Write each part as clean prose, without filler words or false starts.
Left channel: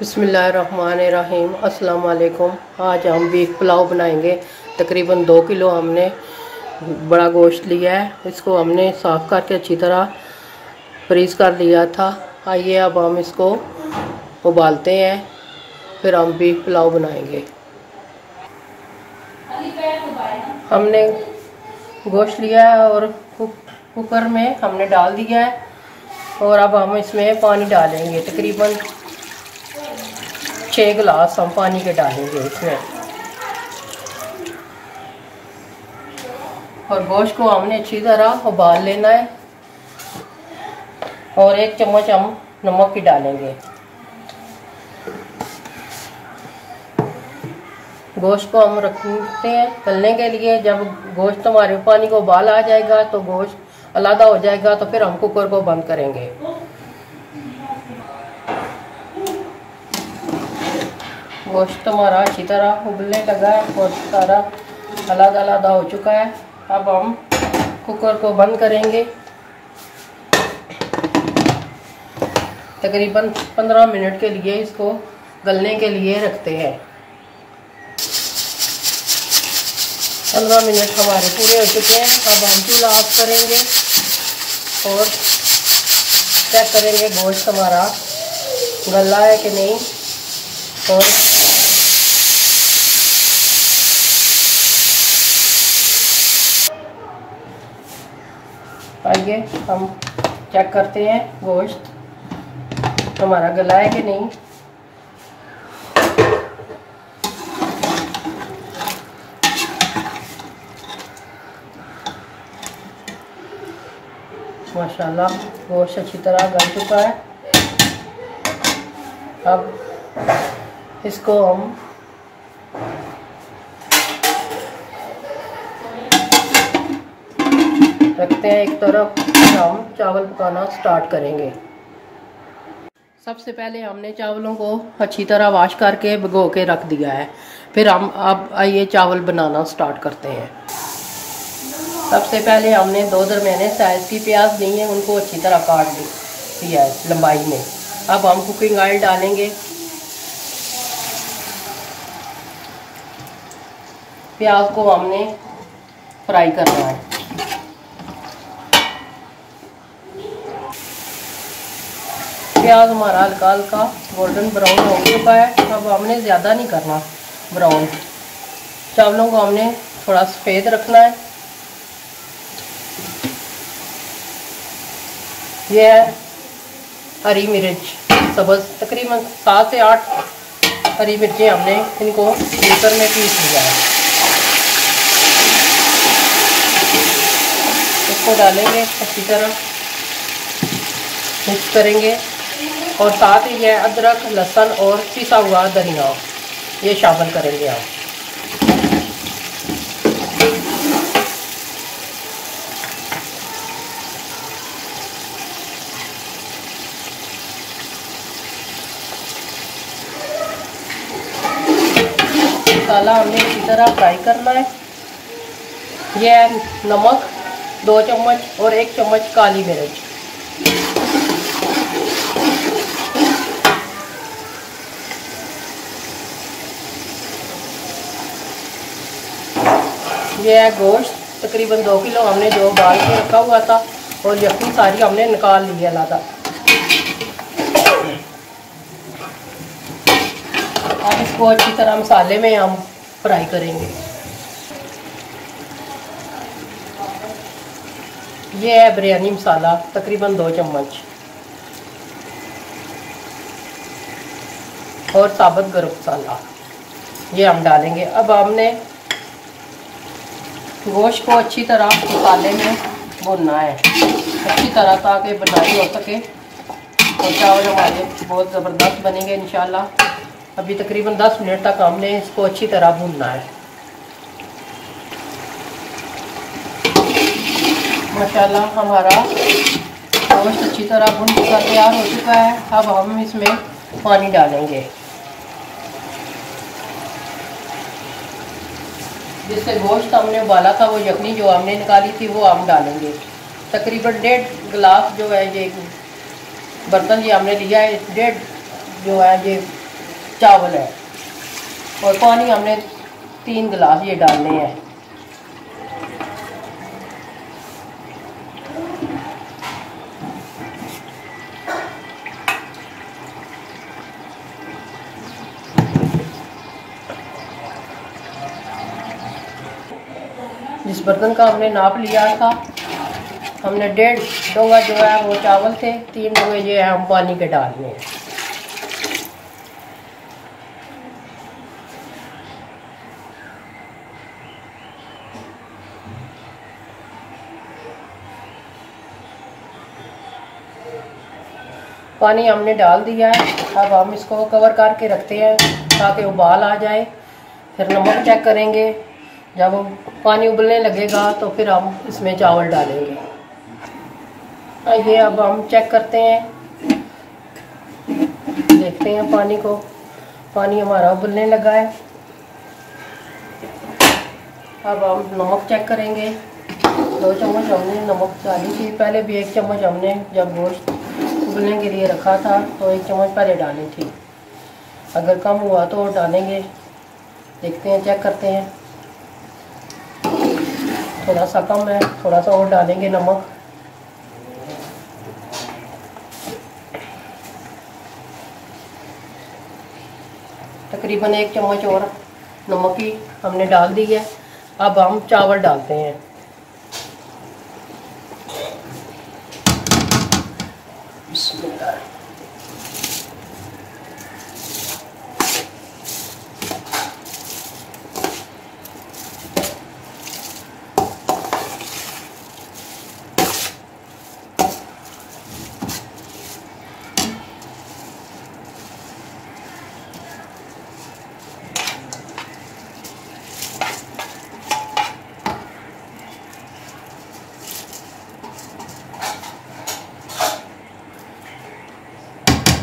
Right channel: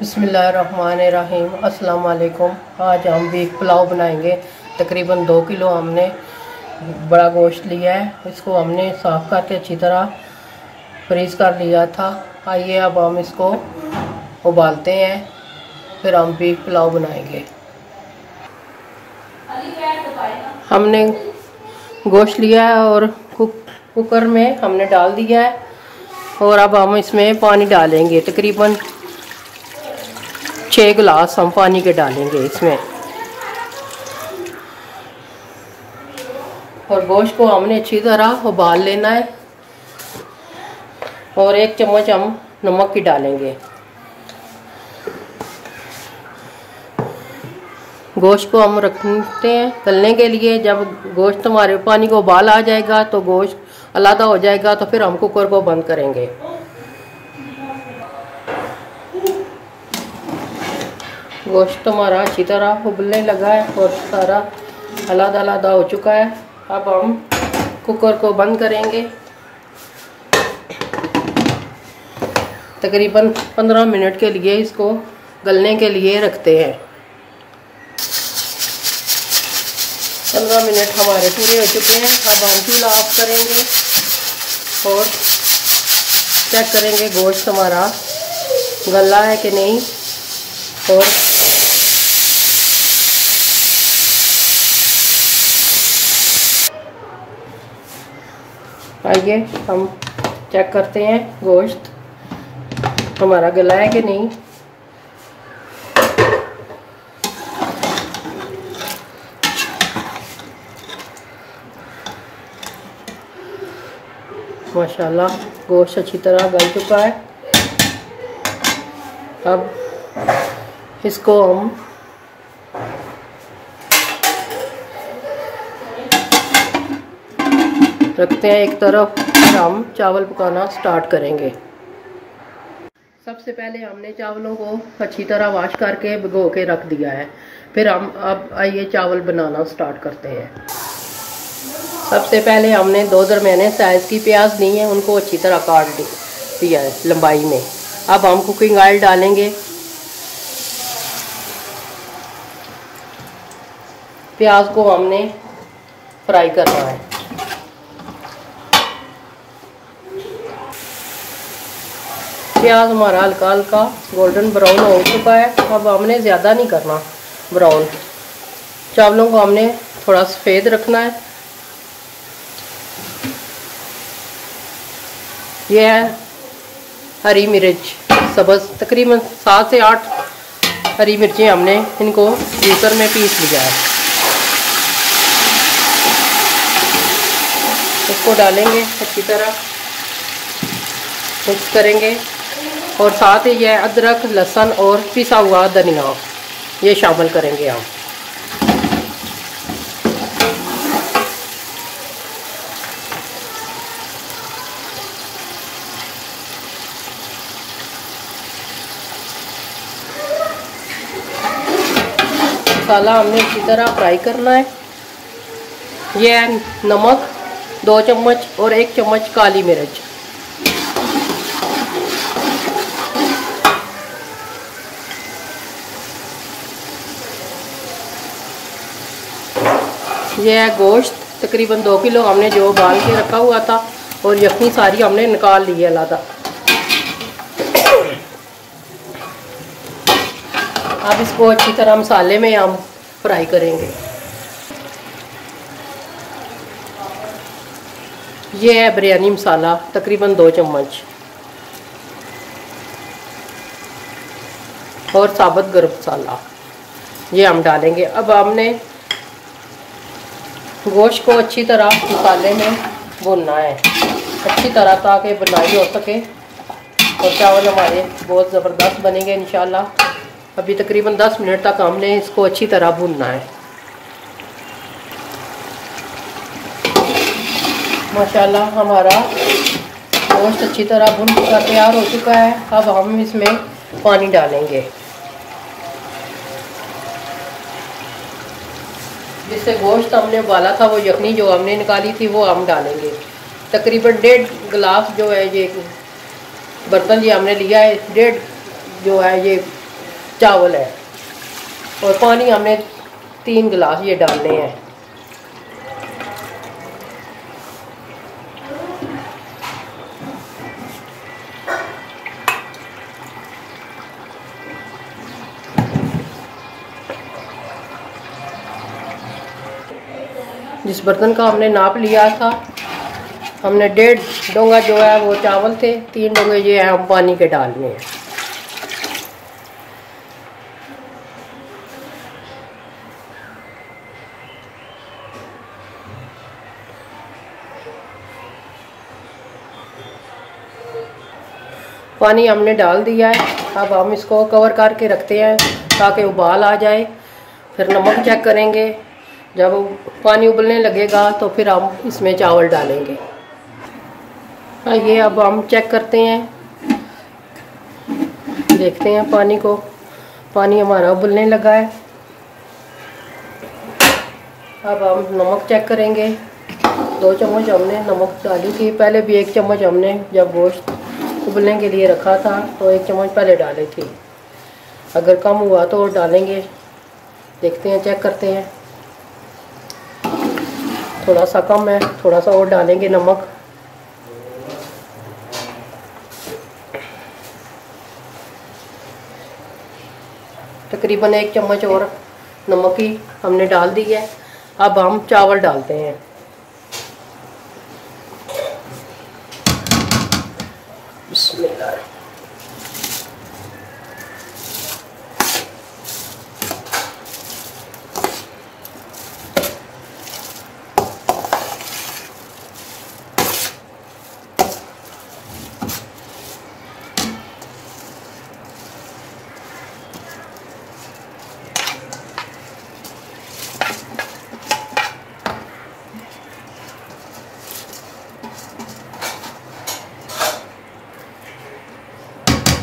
बिस्मिल्लाहिर्रहमानिर्रहीम। अस्सलाम वालेकुम। आज हम बीफ पुलाव बनाएंगे। तकरीबन 2 किलो हमने बड़ा गोश्त लिया है। इसको हमने साफ़ करके अच्छी तरह फ्रीज़ कर लिया था। आइए अब हम इसको उबालते हैं, फिर हम बीफ पुलाव बनाएंगे। हमने गोश्त लिया है और कुकर में हमने डाल दिया है और अब हम इसमें पानी डालेंगे। तकरीबन 6 गिलास हम पानी के डालेंगे इसमें। और गोश्त को हमने अच्छी तरह उबाल लेना है और 1 चम्मच हम नमक की डालेंगे। गोश्त को हम रखते हैं तलने के लिए। जब गोश्त हमारे पानी को उबाल आ जाएगा तो गोश्त अलग हो जाएगा, तो फिर हम कुकर को बंद करेंगे। गोश्त हमारा अच्छी तरह उबलने लगा है और सारा अलग हो चुका है। अब हम कुकर को बंद करेंगे। तकरीबन 15 मिनट के लिए इसको गलने के लिए रखते हैं। 15 मिनट हमारे पूरे हो चुके हैं। अब हम चूल्हा ऑफ करेंगे और चेक करेंगे गोश्त हमारा गला है कि नहीं। और आइए हम चेक करते हैं गोश्त हमारा गला है कि नहीं। माशाल्लाह गोश्त अच्छी तरह गल चुका है। अब इसको हम रखते हैं एक तरफ। हम चावल पकाना स्टार्ट करेंगे। सबसे पहले हमने चावलों को अच्छी तरह वॉश करके भिगो के रख दिया है। फिर हम अब आइए चावल बनाना स्टार्ट करते हैं। सबसे पहले हमने 2 दरमियाने साइज़ की प्याज ली है, उनको अच्छी तरह काट दिया है लंबाई में। अब हम कुकिंग ऑयल डालेंगे। प्याज को हमने फ्राई करना है। प्याज हमारा हल्का हल्का गोल्डन ब्राउन हो चुका है। अब हमने ज़्यादा नहीं करना ब्राउन। चावलों को हमने थोड़ा सफ़ेद रखना है। यह है हरी मिर्च सब्ज़, तकरीबन 7 से 8 हरी मिर्चें हमने इनको जूसर में पीस लिया है। इसको डालेंगे, अच्छी तरह मिक्स करेंगे और साथ ही यह अदरक, लहसुन और पिसा हुआ धनिया ये शामिल करेंगे हम। मसाला हमने इसी तरह फ्राई करना है। यह नमक 2 चम्मच और 1 चम्मच काली मिर्च। यह है गोश्त, तकरीबन 2 किलो हमने जो उबाल के रखा हुआ था और यखनी सारी हमने निकाल ली है अलग। अब इसको अच्छी तरह मसाले में हम फ्राई करेंगे। ये है बिरयानी मसाला, तकरीबन 2 चम्मच और साबुत गरम मसाला। ये हम डालेंगे। अब हमने गोश्त को अच्छी तरह मसाले में भूनना है, अच्छी तरह, ताकि बुनाई हो सके और चावल हमारे बहुत ज़बरदस्त बनेंगे इंशाल्लाह। अभी तकरीबन 10 मिनट तक हमने इसको अच्छी तरह भूनना है। माशाल्लाह हमारा गोश्त अच्छी तरह भुन चुका, तैयार हो चुका है। अब हम इसमें पानी डालेंगे, जिससे गोश्त हमने उबाला था, वो यखनी जो हमने निकाली थी, वो हम डालेंगे। तकरीबन 1.5 गिलास जो है ये बर्तन ये हमने लिया है, 1.5 जो है ये चावल है, और पानी हमने 3 गिलास ये डालने हैं। जिस बर्तन का हमने नाप लिया था, हमने 1.5 डोंगा जो है वो चावल थे, 3 डोंगे ये हम पानी के डालने हैं। पानी हमने डाल दिया है। अब हम इसको कवर करके रखते हैं ताकि उबाल आ जाए। फिर नमक चेक करेंगे, जब पानी उबलने लगेगा तो फिर हम इसमें चावल डालेंगे। ये अब हम चेक करते हैं, देखते हैं पानी को। पानी हमारा उबलने लगा है। अब हम नमक चेक करेंगे। 2 चम्मच हमने नमक डाली थी, पहले भी 1 चम्मच हमने जब गोश्त उबलने के लिए रखा था तो 1 चम्मच पहले डाली थी। अगर कम हुआ तो और डालेंगे। देखते हैं, चेक करते हैं। थोड़ा सा कम है, थोड़ा सा और डालेंगे नमक। तकरीबन 1 चम्मच और नमक ही हमने डाल दी है। अब हम चावल डालते हैं। बिस्मिल्लाह।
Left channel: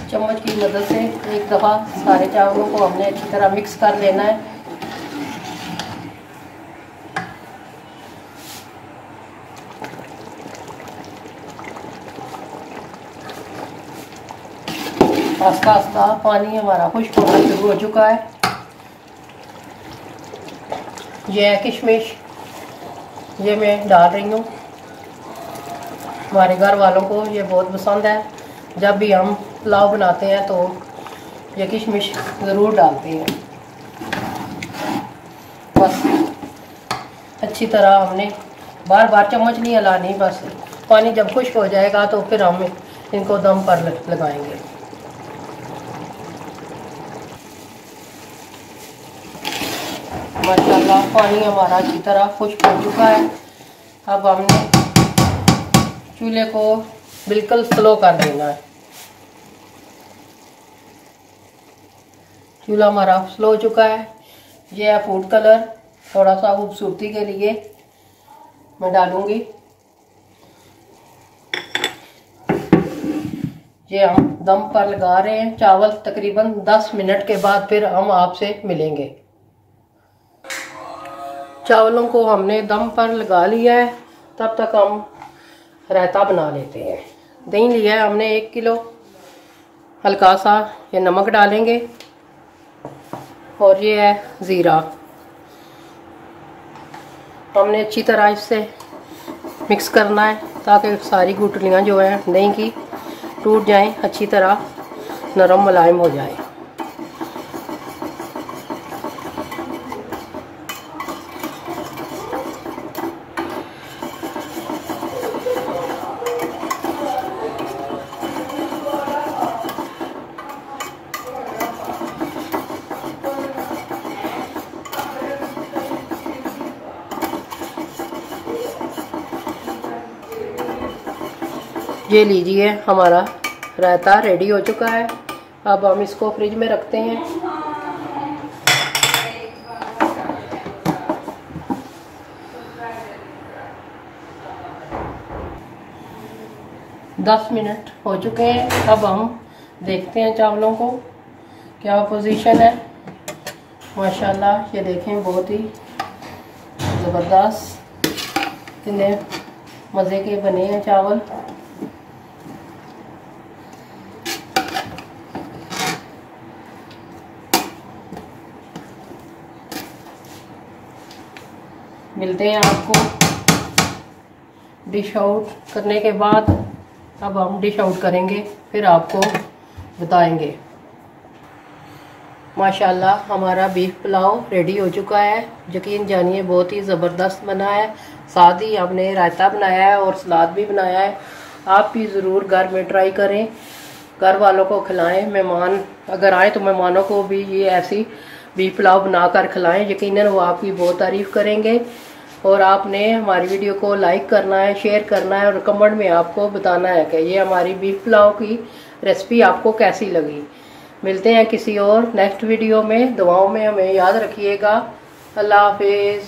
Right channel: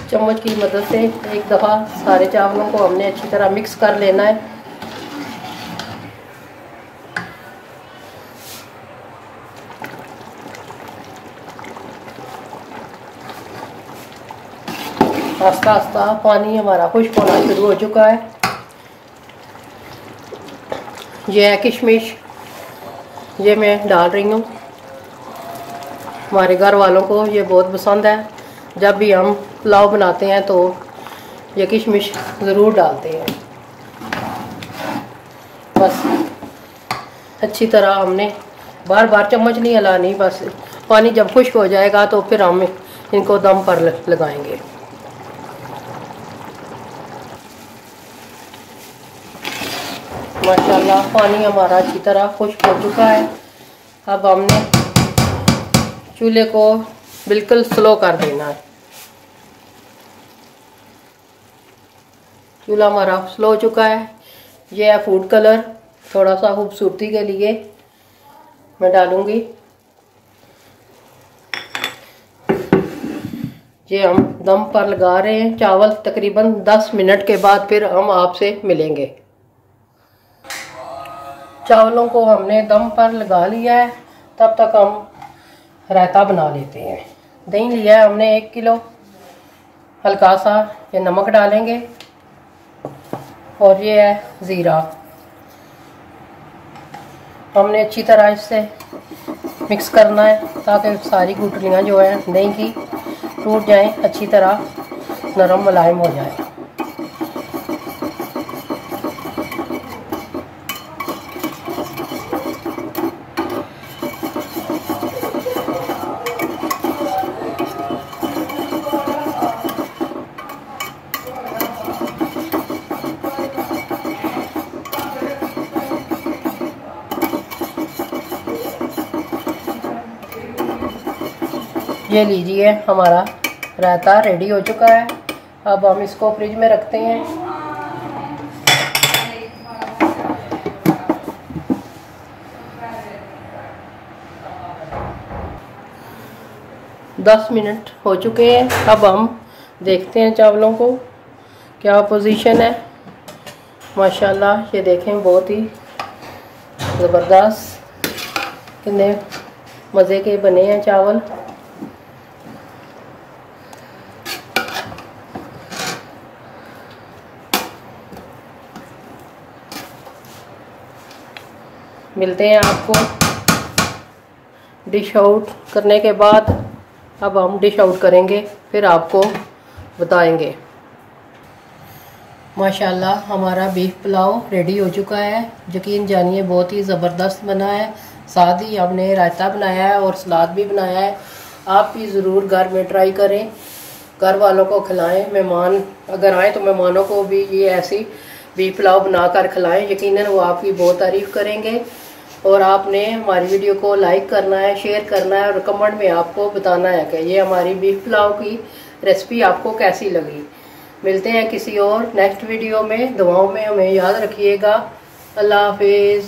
चम्मच की मदद से एक दफ़ा सारे चावलों को हमने अच्छी तरह मिक्स कर लेना है। आस्ता आस्ता पानी हमारा खुश्क होना शुरू हो चुका है। ये है किशमिश, ये मैं डाल रही हूँ। हमारे घर वालों को ये बहुत पसंद है। जब भी हम पुलाव बनाते हैं तो ये किशमिश ज़रूर डालते हैं। बस अच्छी तरह हमने बार बार चम्मच नहीं हिलानी। बस पानी जब खुश्क हो जाएगा तो फिर हम इनको दम पर लगाएंगे। माशाल्लाह पानी हमारा अच्छी तरह खुश्क हो चुका है। अब हमने चूल्हे को बिल्कुल स्लो कर देना है। चूल्हा हमारा स्लो हो चुका है। ये है फूड कलर, थोड़ा सा खूबसूरती के लिए मैं डालूंगी। ये हम दम पर लगा रहे हैं चावल। तकरीबन 10 मिनट के बाद फिर हम आपसे मिलेंगे। चावलों को हमने दम पर लगा लिया है। तब तक हम रायता बना लेते हैं। दही लिया है हमने 1 किलो। हल्का सा ये नमक डालेंगे और ये है ज़ीरा। हमने अच्छी तरह इससे मिक्स करना है ताकि सारी गुठलियाँ जो है दही की टूट जाएं, अच्छी तरह नरम मुलायम हो जाए। ये लीजिए, हमारा रायता रेडी हो चुका है। अब हम इसको फ्रिज में रखते हैं। दस मिनट हो चुके हैं। अब हम देखते हैं चावलों को क्या पोजीशन है। माशाल्लाह ये देखें, बहुत ही ज़बरदस्त, कितने मज़े के बने हैं चावल। मिलते हैं आपको डिश आउट करने के बाद। अब हम डिश आउट करेंगे, फिर आपको बताएंगे। माशाल्लाह हमारा बीफ पुलाव रेडी हो चुका है। यकीन जानिए बहुत ही ज़बरदस्त बना है। साथ ही हमने रायता बनाया है और सलाद भी बनाया है। आप भी ज़रूर घर में ट्राई करें, घर वालों को खिलाएं। मेहमान अगर आए तो मेहमानों को भी ये ऐसी बीफ पुलाव बनाकर खिलाएं। यकीनन वो आपकी बहुत तारीफ़ करेंगे। और आपने हमारी वीडियो को लाइक करना है, शेयर करना है और कमेंट में आपको बताना है कि ये हमारी बीफ पुलाव की रेसिपी आपको कैसी लगी। मिलते हैं किसी और नेक्स्ट वीडियो में। दुआओं में हमें याद रखिएगा। अल्लाह हाफिज़।